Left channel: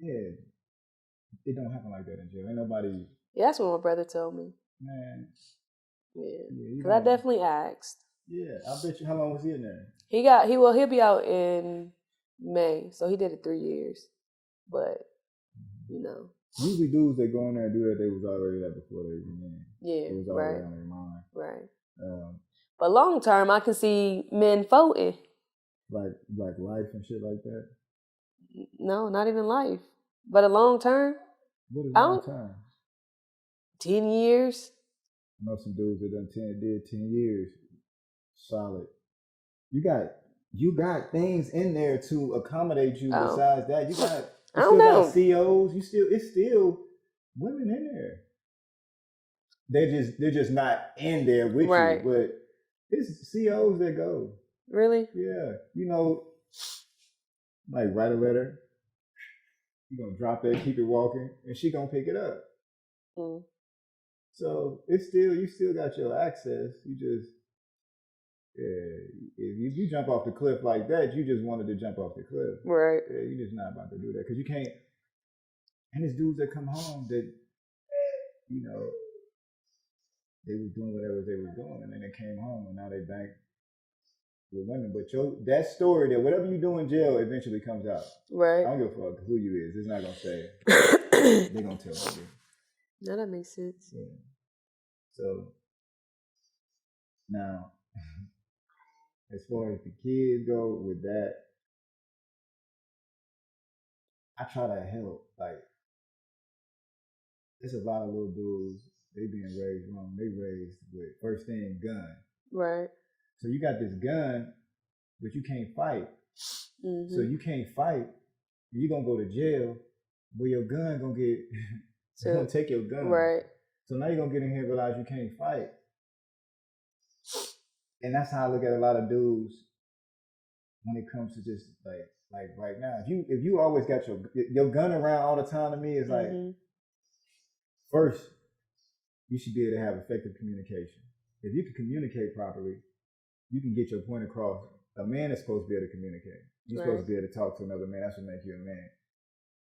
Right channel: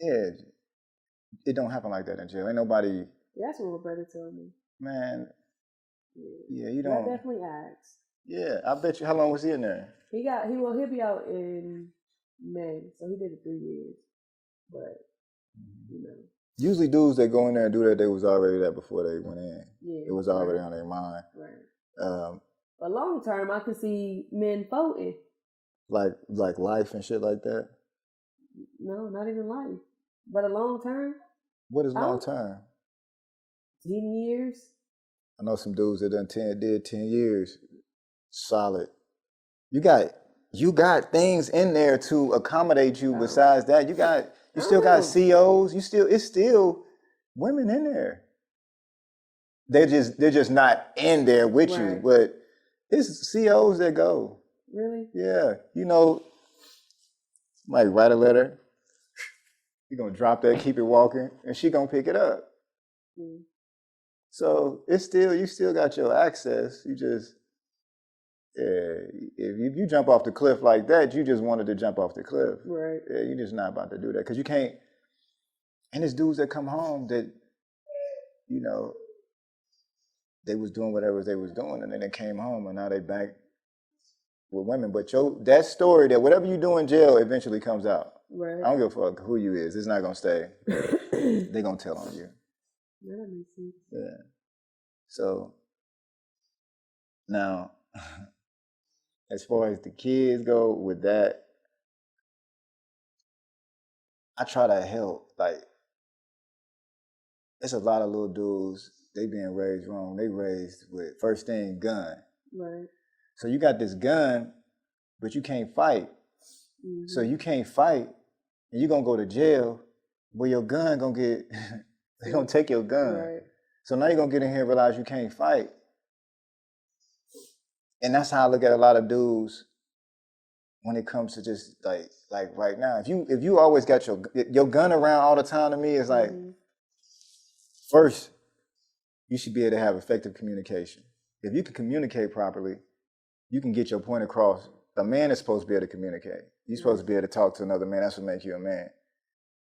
Yeah, it don't happen like that in jail. Ain't nobody. Yeah, that's what my brother told me. Man. Yeah, you but I don't. definitely asked. Yeah, I bet you. How long was he in there? He'll be out in May, so he did it 3 years. But you know, usually dudes that go in there and do that, they was already there before they went in. Yeah, it was already on their mind. Right. But long term, I can see men voting. Like life and shit like that. No, not even life, but a long term. What is long term? 10 years. I know some dudes that did 10 years, solid. You got things in there to accommodate you. Besides that, you still got COs. It's still women in there. They're just not in there with you, but it's COs that go. Really? Yeah, might write a letter. You're gonna drop that, keep it walking, and she gonna pick it up. Mm. So you still got your access. You just, if you jump off the cliff like that, you just wanted to jump off the cliff. Right. Yeah, you're just not about to do that because you can't. And there's dudes that come home that, they was doing whatever they was doing, and then they came home, and now they back with women. But that story, that whatever you do in jail eventually comes out. Right. I don't give a fuck who you is. It's not gonna stay. They're gonna tell on you. No, that makes sense. Yeah. So now, as far as the kids go with that, I try to help. Like, there's a lot of little dudes, they being raised wrong. They raised with first thing gun. Right. So you got this gun, but you can't fight. Mm-hmm. So you can't fight, and you're gonna go to jail where your gun gonna get, they're gonna take your gun. Right. So now you're gonna get in here and realize you can't fight. And that's how I look at a lot of dudes when it comes to just like right now. If you always got your gun around all the time, to me, it's like, first, you should be able to have effective communication. If you can communicate properly, you can get your point across. A man is supposed to be able to communicate. You're supposed to be able to talk to another man. That's what makes you a man.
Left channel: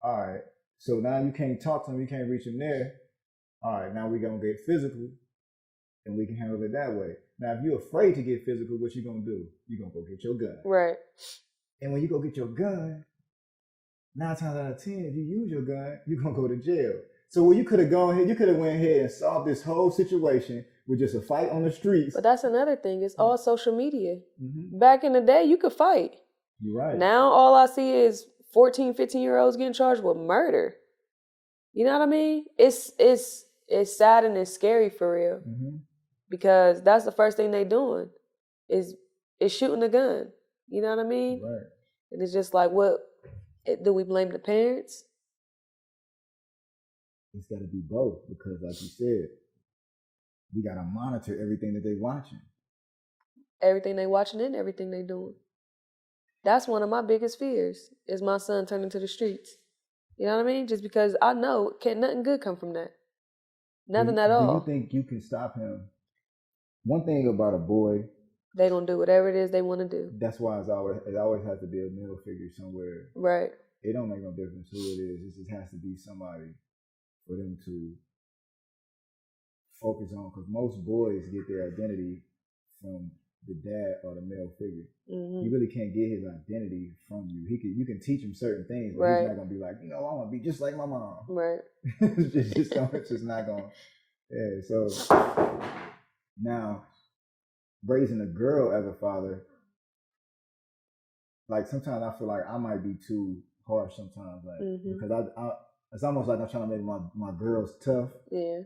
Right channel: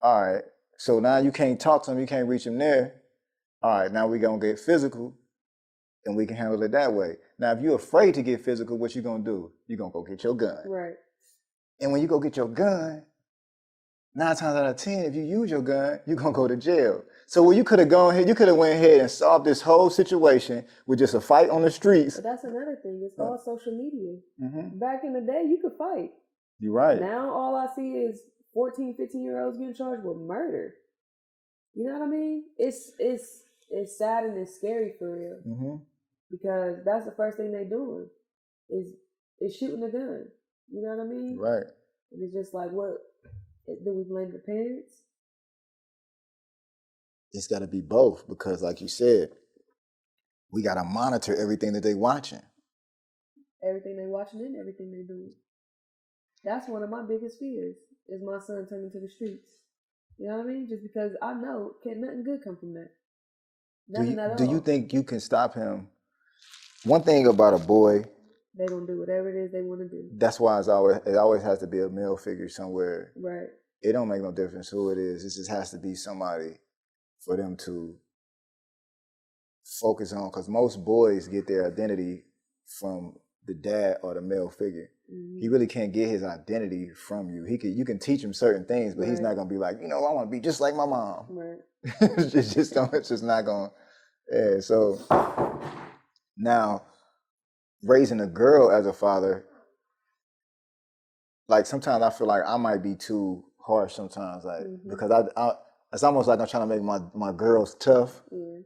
All right. So now you can't talk to him. You can't reach him there. All right. Now we're going to get physical, and we can handle it that way. Now, if you're afraid to get physical, what you going to do? You're going to go get your gun. Right. And when you go get your gun, 9 times out of 10, if you use your gun, you're going to go to jail. So you could have gone ahead, you could have went ahead and solved this whole situation with just a fight on the streets. But that's another thing. It's all social media. Mm-hmm. Back in the day, you could fight. You're right. Now all I see is 14, 15-year-olds getting charged with murder. You know what I mean? It's sad and it's scary for real. Mm-hmm. Because that's the first thing they doing is shooting a gun. You know what I mean? Right. And it's just like, do we blame the parents? It's got to be both because, like you said, we got to monitor everything that they watching. Everything they watching and everything they doing. That's one of my biggest fears is my son turning to the streets. You know what I mean? Just because I know nothing good come from that. Nothing at all. Do you think you can stop him? One thing about a boy, they gonna do whatever it is they want to do. That's why it always has to be a male figure somewhere. Right. It don't make no difference who it is. It just has to be somebody for them to focus on, because most boys get their identity from the dad or the male figure. Mm-hmm. He really can't get his identity from you. You can teach him certain things, but he's not gonna be like, I want to be just like my mom. Right. it's just not gonna. Yeah. So now, raising a girl as a father, like sometimes I feel like I might be too harsh sometimes, like because I it's almost like I'm trying to make my girls tough. Yeah.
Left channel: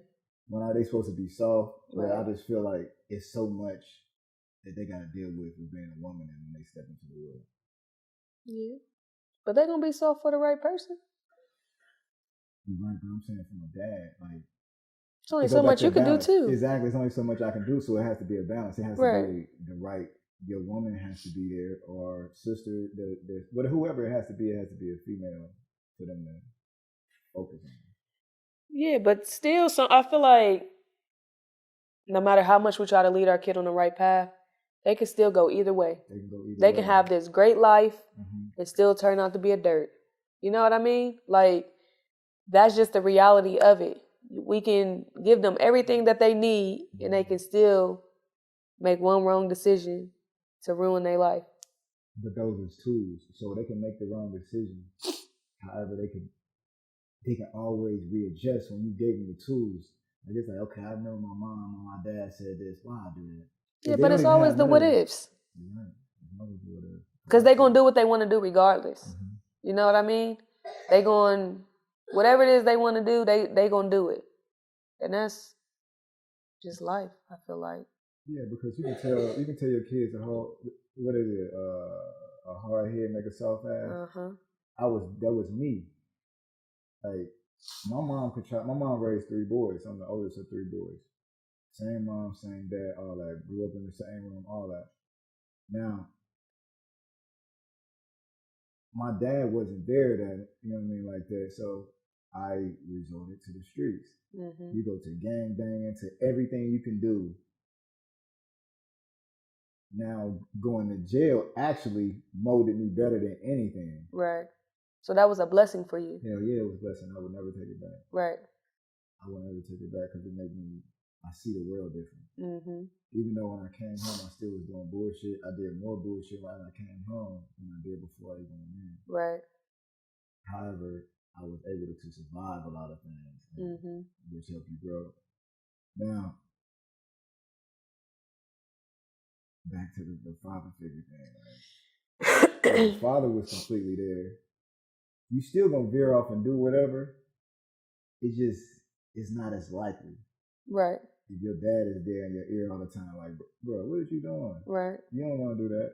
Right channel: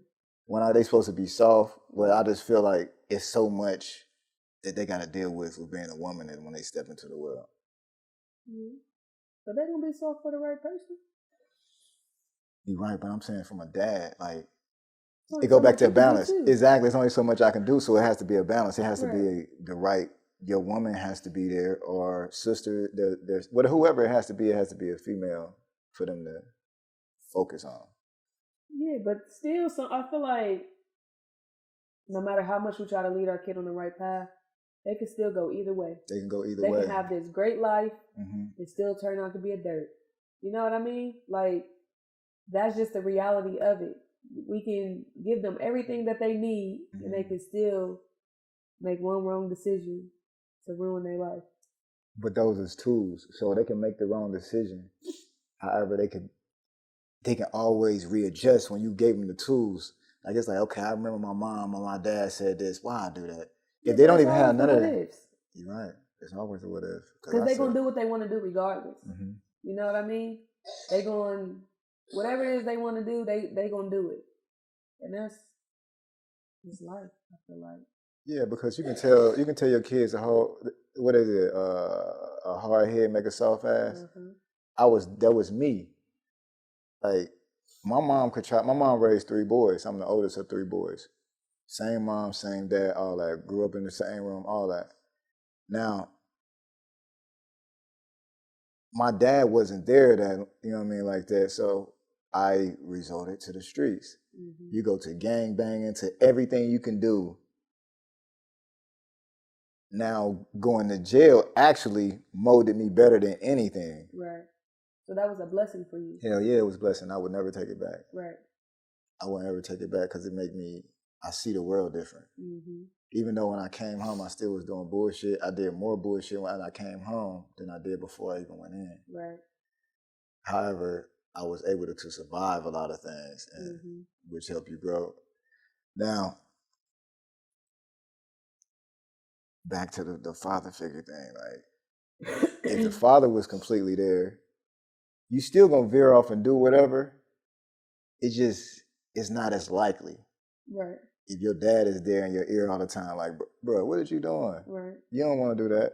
When are they supposed to be soft? Where I just feel like it's so much that they got to deal with being a woman and when they step into the world. Yeah. But they're going to be soft for the right person. You're right, but I'm saying from a dad, like, it's only so much you can do too. Exactly. It's only so much I can do, so it has to be a balance. It has to be the right, your woman has to be there, or sister, there's whoever it has to be a female for them to focus on. Yeah, but still, I feel like no matter how much we try to lead our kid on the right path, they can still go either way. They can go either way. They can have this great life and still turn out to be a dirt. You know what I mean? Like, that's just the reality of it. We can give them everything that they need, and they can still make one wrong decision to ruin their life. But those is tools, so they can make the wrong decision. However, they can always readjust when you gave them the tools. Like, it's like, okay, I remember my mom or my dad said this. Why I do that? Yeah, but it's always the what ifs. You're right. It's always the what if. Because they're going to do what they want to do regardless. Mm-hmm. You know what I mean? They going, whatever it is they want to do, they going to do it. And that's just life, I feel like. Yeah, because you can tell your kids a hard head make a soft ass. Uh-huh. That was me. Like, my mom raised 3 boys. I'm the oldest of 3 boys. Same mom, same dad, all that. Grew up in the same room, all that. Now, my dad wasn't there that, you know what I mean, like that. So I resorted to the streets. Mm-hmm. You go to gang banging, to everything you can do. Now, going to jail actually molded me better than anything. Right. So that was a blessing for you. Hell yeah, it was a blessing. I would never take it back. Right. I would never take it back because I see the world different. Mm-hmm. Even though when I came home, I still was doing bullshit. I did more bullshit when I came home than I did before I even went in. Right. However, I was able to survive a lot of things, and which help you grow. Now, back to the father figure thing. Like, if the father was completely there, you still gonna veer off and do whatever. It's not as likely. Right. If your dad is there in your ear all the time, like, bro, what are you doing? Right. You don't want to do that.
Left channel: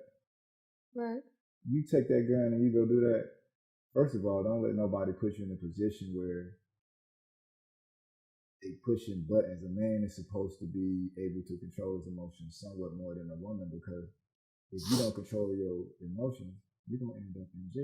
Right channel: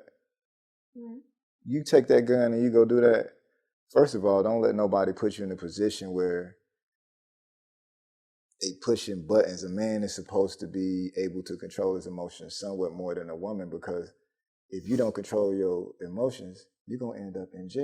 Right. You take that gun and you go do that. First of all, don't let nobody put you in a position where they pushing buttons. A man is supposed to be able to control his emotions somewhat more than a woman, because if you don't control your emotions, you're going to end up in jail.